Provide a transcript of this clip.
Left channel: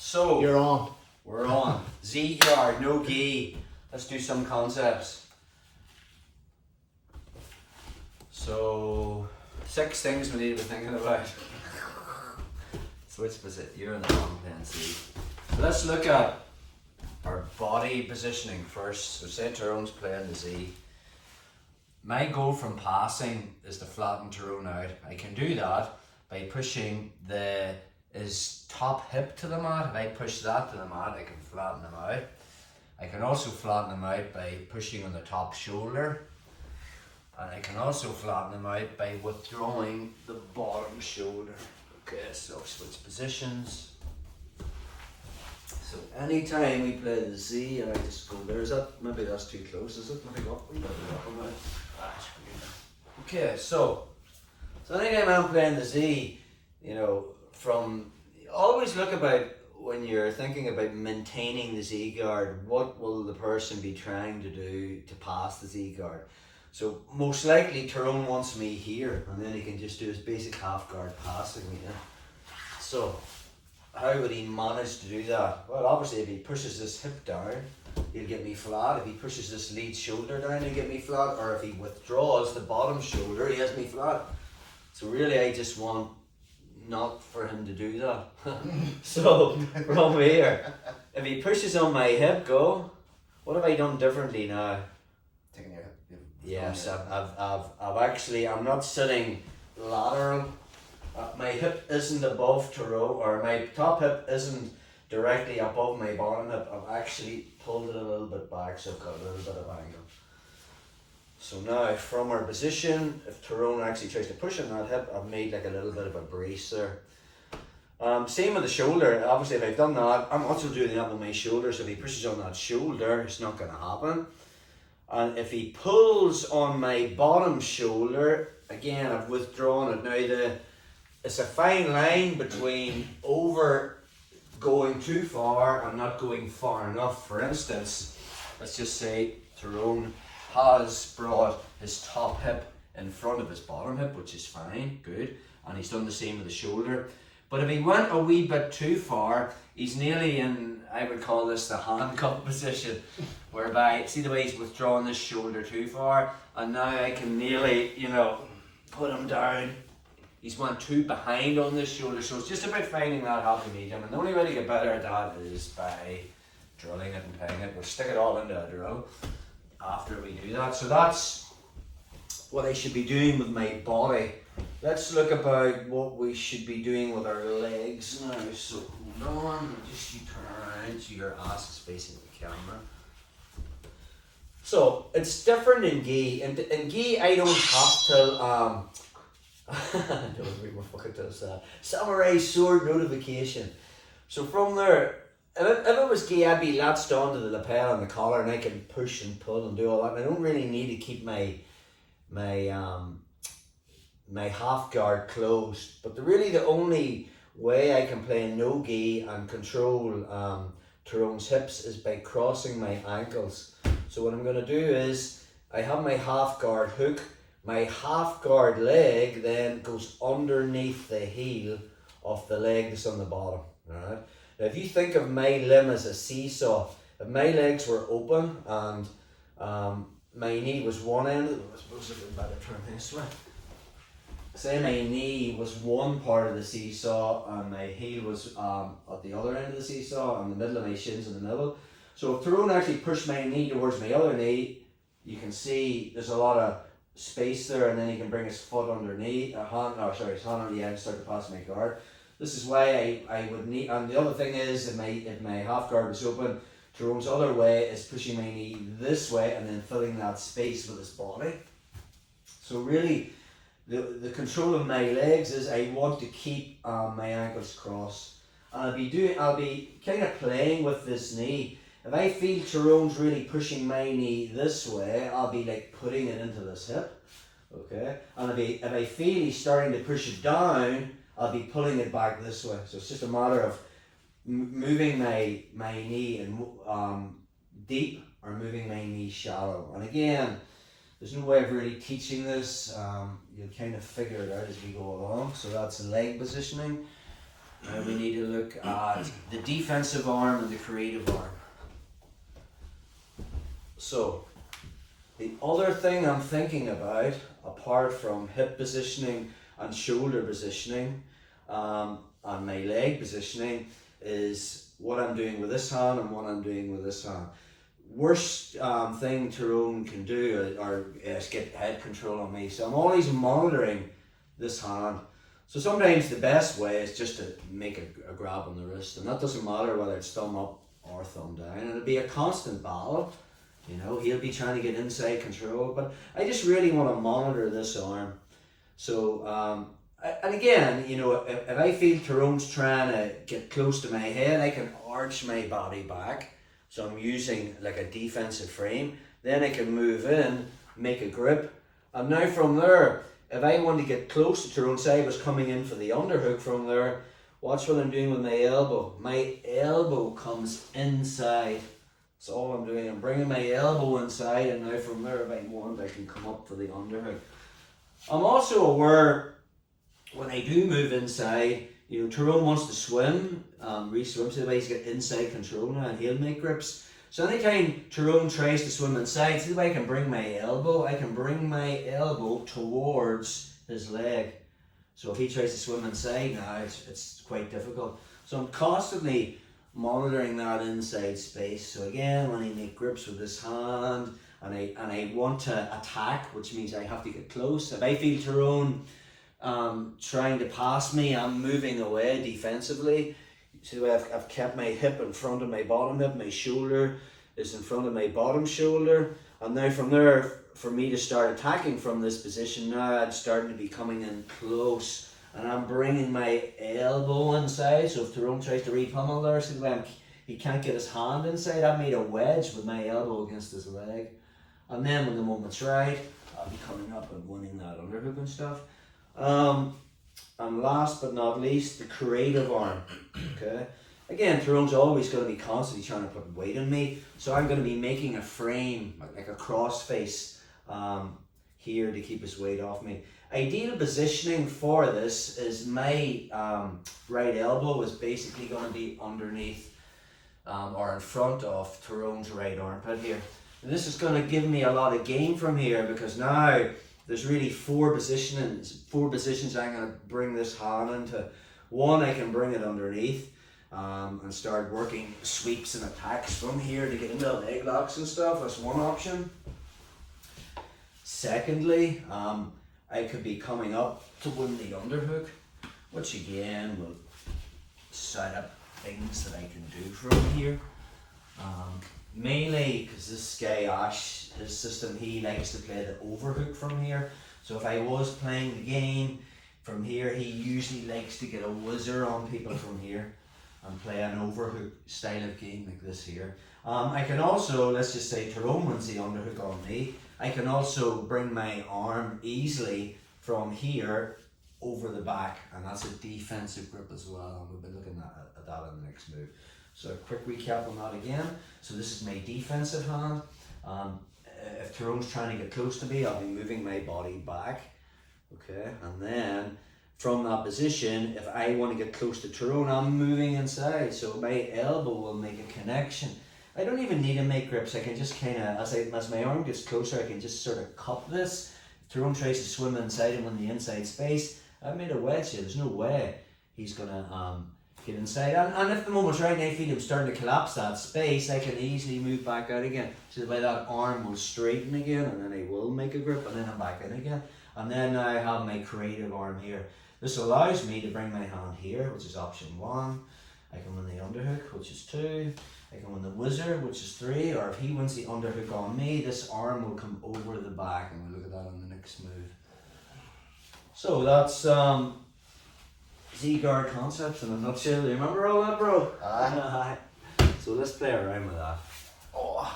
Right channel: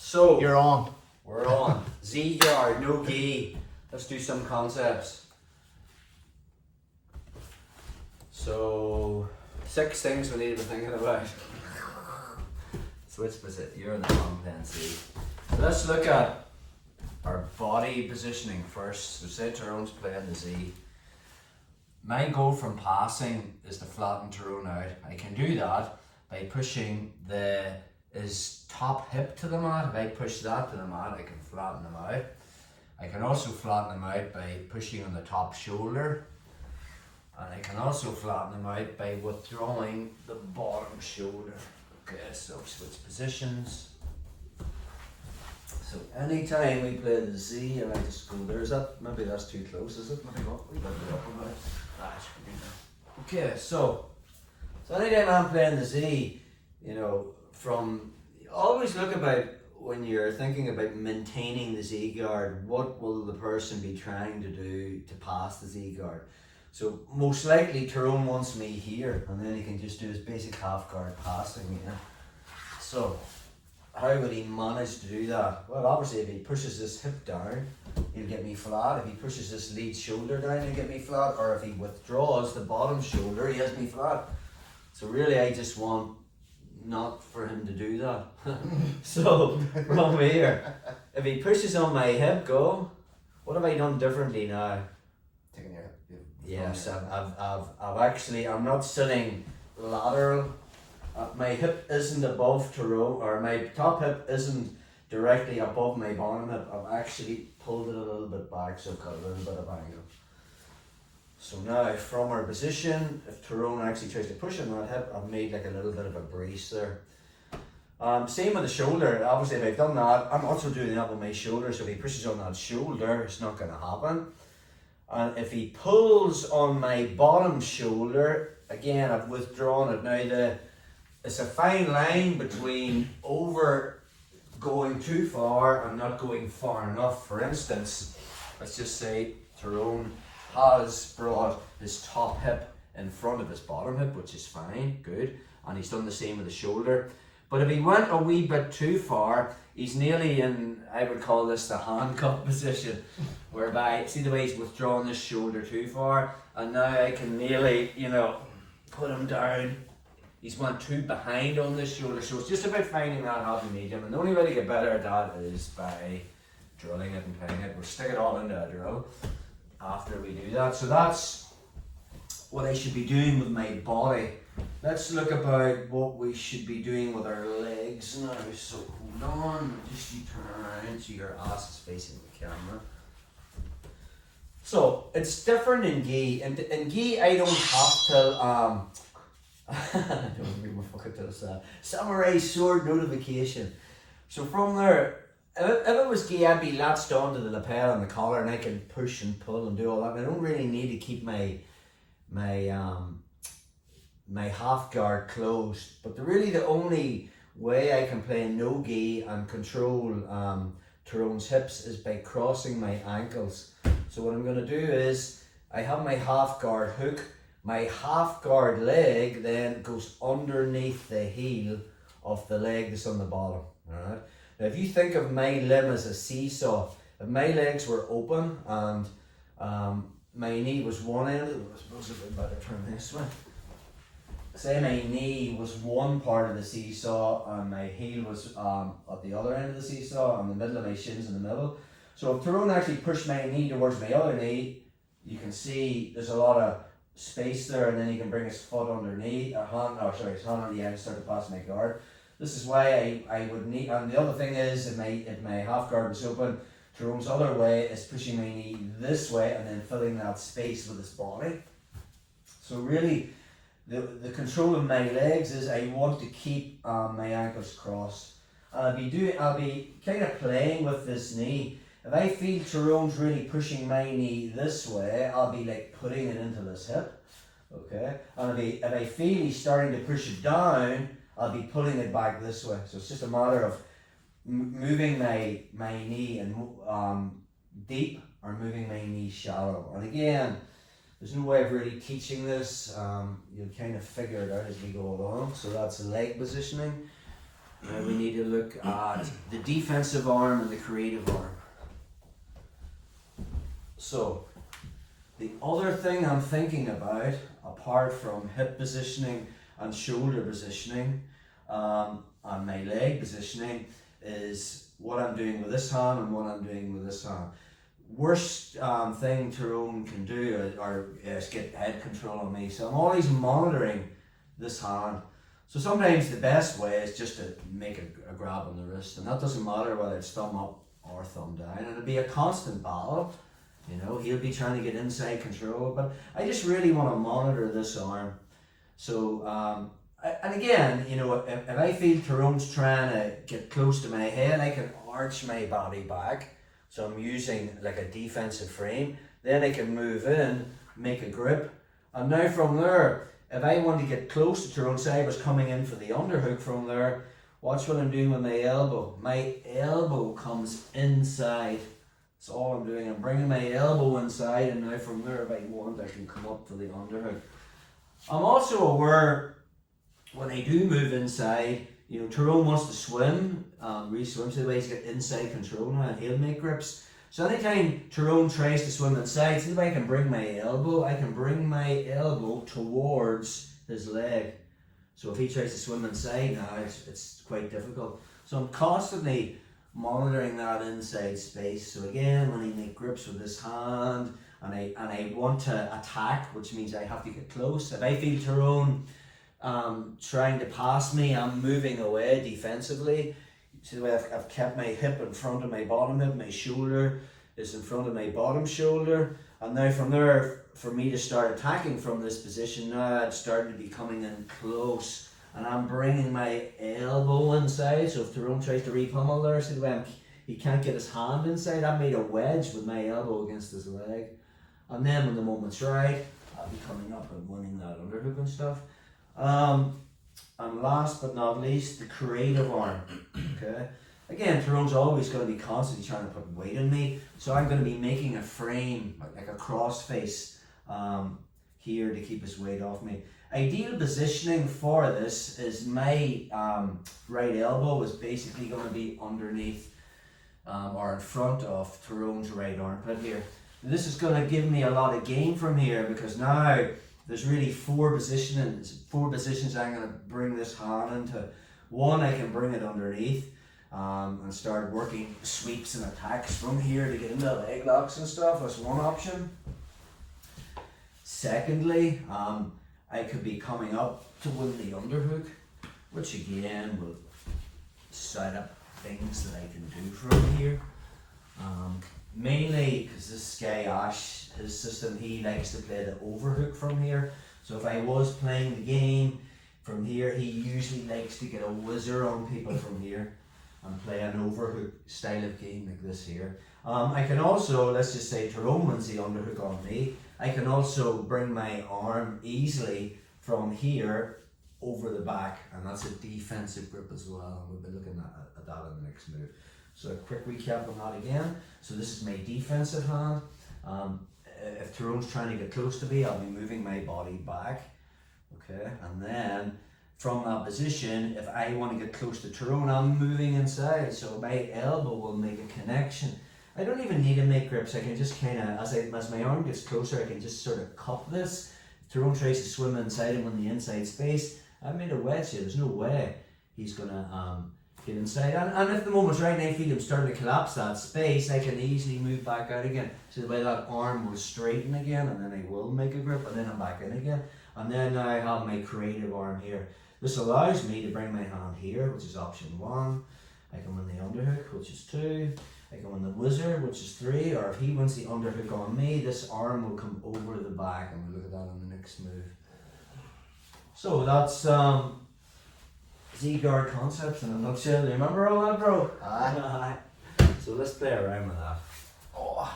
So You're on. we're on. Z guard, no gi. Let's do some concepts. So 6 things we need to be thinking about. Switch position. You're in the wrong pen, see. So let's look at our body positioning first. So say Tyrone's playing the Z. My goal from passing is to flatten Tyrone out. I can do that by pushing his top hip to the mat. If I push that to the mat, I can flatten him out. I can also flatten him out by pushing on the top shoulder. And I can also flatten him out by withdrawing the bottom shoulder. Okay, so switch positions. So anytime we play the Z and I just go there, is that, maybe that's too close, is it? Maybe go up, we better go up on that. Okay, so anytime I'm playing the Z, you know, always look about when you're thinking about maintaining the Z guard, what will the person be trying to do to pass the Z guard? So most likely Tyrone wants me here, and then he can just do his basic half guard passing here. So how would he manage to do that? Well, obviously if he pushes this hip down, he'll get me flat. If he pushes this lead shoulder down, he'll get me flat. Or if he withdraws the bottom shoulder, he has me flat. So really I just want not for him to do that. So from here, if he pushes on my hip, go. What have I done differently now? Taking your hip. Yes, I'm not sitting lateral. My hip isn't above Tyrone, or my top hip isn't directly above my bottom hip. I've actually pulled it a little bit back, so I've got a little bit of angle. So now from our position, if Tyrone actually tries to push on that hip, I've made like a little bit of a brace there. Same with the shoulder. Obviously if I've done that, I'm also doing that with my shoulder, so if he pushes on that shoulder, it's not going to happen. And if he pulls on my bottom shoulder, again I've withdrawn it. Now it's a fine line between over going too far and not going far enough. For instance, let's just say Tyrone has brought his top hip in front of his bottom hip, which is fine, good, and he's done the same with the shoulder. But if he went a wee bit too far, he's nearly in, I would call this the handcuff position, whereby, see the way he's withdrawn this shoulder too far, and now I can nearly, you know, put him down. He's went too behind on this shoulder, so it's just about finding that happy medium, and the only way to get better at that is by drilling it and playing it. We'll stick it all into a drill after we do that. So that's what I should be doing with my body. Let's look about what we should be doing with our legs now. So hold on, just you turn around so your ass is facing the camera. So it's different in gi. In gi, I don't have to don't read my fucking toes. Samurai sword notification. So from there, if it was gi, I'd be latched onto the lapel and the collar, and I can push and pull and do all that. And I don't really need to keep my half guard closed. But the only way I can play no gi and control Tyrone's hips is by crossing my ankles. So what I'm going to do is I have my half guard hook. My half guard leg then goes underneath the heel of the leg that's on the bottom. Alright. Now if you think of my limb as a seesaw, if my legs were open and my knee was one end, I suppose it would be better turn this way. Say my knee was one part of the seesaw and my heel was at the other end of the seesaw, and the middle of my shins in the middle. So if Tyrone actually pushed my knee towards my other knee, you can see there's a lot of space there, and then he can bring his foot underneath, his hand on the end and start to pass my guard. This is why I would need, and the other thing is if my half guard is open, Tyrone's other way is pushing my knee this way and then filling that space with his body. So really, the control of my legs is I want to keep my ankles crossed. I'll be kind of playing with this knee. If I feel Tyrone's really pushing my knee this way, I'll be like putting it into this hip, okay? And if I feel he's starting to push it down, I'll be pulling it back this way. So it's just a matter of moving my knee and deep or moving my knee shallow. And again, there's no way of really teaching this. You'll kind of figure it out as we go along. So that's leg positioning. Now we need to look at the defensive arm and the creative arm. So, the other thing I'm thinking about, apart from hip positioning and shoulder positioning, and my leg positioning, is what I'm doing with this hand and what I'm doing with this hand. Worst thing Tyrone can do is get head control on me. So I'm always monitoring this hand. So sometimes the best way is just to make a grab on the wrist, and that doesn't matter whether it's thumb up or thumb down. And it'll be a constant battle. You know, he'll be trying to get inside control, but I just really want to monitor this arm. So, and again, you know, if I feel Tyrone's trying to get close to my head, I can arch my body back. So I'm using like a defensive frame. Then I can move in, make a grip. And now from there, if I want to get close to Tyrone, say I was coming in for the underhook from there, watch what I'm doing with my elbow. My elbow comes inside. That's all I'm doing. I'm bringing my elbow inside, and now from there, if I want, I can come up for the underhook. I'm also aware when I do move inside, you know, Tyrone wants to swim, re-swim, so the way he's got inside control now, and he'll make grips. So anytime Tyrone tries to swim inside, see the way I can bring my elbow towards his leg. So if he tries to swim inside now, it's quite difficult. So I'm constantly monitoring that inside space. So again, when I make grips with this hand, and I want to attack, which means I have to get close. If I feel Tyrone trying to pass me, I'm moving away defensively. See the way I've kept my hip in front of my bottom hip, my shoulder is in front of my bottom shoulder, and now from there, for me to start attacking from this position, now I'm starting to be coming in close, and I'm bringing my elbow inside. So if Tyrone tries to re-pummel there, see the way he can't get his hand inside, I made a wedge with my elbow against his leg, and then when the moment's right, I'll be coming up and winning that underhook and stuff. And last but not least, the creative arm. Okay. Again, Tyrone's always going to be constantly trying to put weight on me, so I'm going to be making a frame, like a cross face, here to keep his weight off me. Ideal positioning for this is my right elbow is basically going to be underneath or in front of Tyrone's right armpit here. And this is going to give me a lot of gain from here, because now there's really four positions I'm going to bring this hand into. One, I can bring it underneath and start working sweeps and attacks from here to get into leg locks and stuff. That's one option. Secondly, I could be coming up to win the underhook, which again will set up things that I can do from here. Mainly because this guy Ash, his system, he likes to play the overhook from here. So if I was playing the game from here, he usually likes to get a whizzer on people from here and play an overhook style of game like this here. I can also, let's just say Tyrone wins the underhook on me, I can also bring my arm easily from here over the back, and that's a defensive grip as well, and we'll be looking at that in the next move. So a quick recap on that again. So this is my defensive hand. If Tyrone's trying to get close to me, I'll be moving my body back. Okay, and then from that position, if I want to get close to Tyrone, I'm moving inside. So my elbow will make a connection. I don't even need to make grips. I can just kind of, as my arm gets closer, I can just sort of cup this. If Tyrone tries to swim inside him in the inside space, I've made a wedge here. There's no way he's gonna get inside. And if the moment's right and I feel him starting to collapse that space, I can easily move back out again. So the way that arm will straighten again, and then I will make a grip, and then I'm back in again. And then I have my creative arm here. This allows me to bring my hand here, which is option 1. I can win the underhook, which is 2. I can win the whizzer, which is 3. Or if he wins the underhook on me, this arm will come over the back, and we'll look at that in the next move. So that's Z-guard concepts in a nutshell. Do you remember all that, bro? Aye. So let's play around with that. Oh.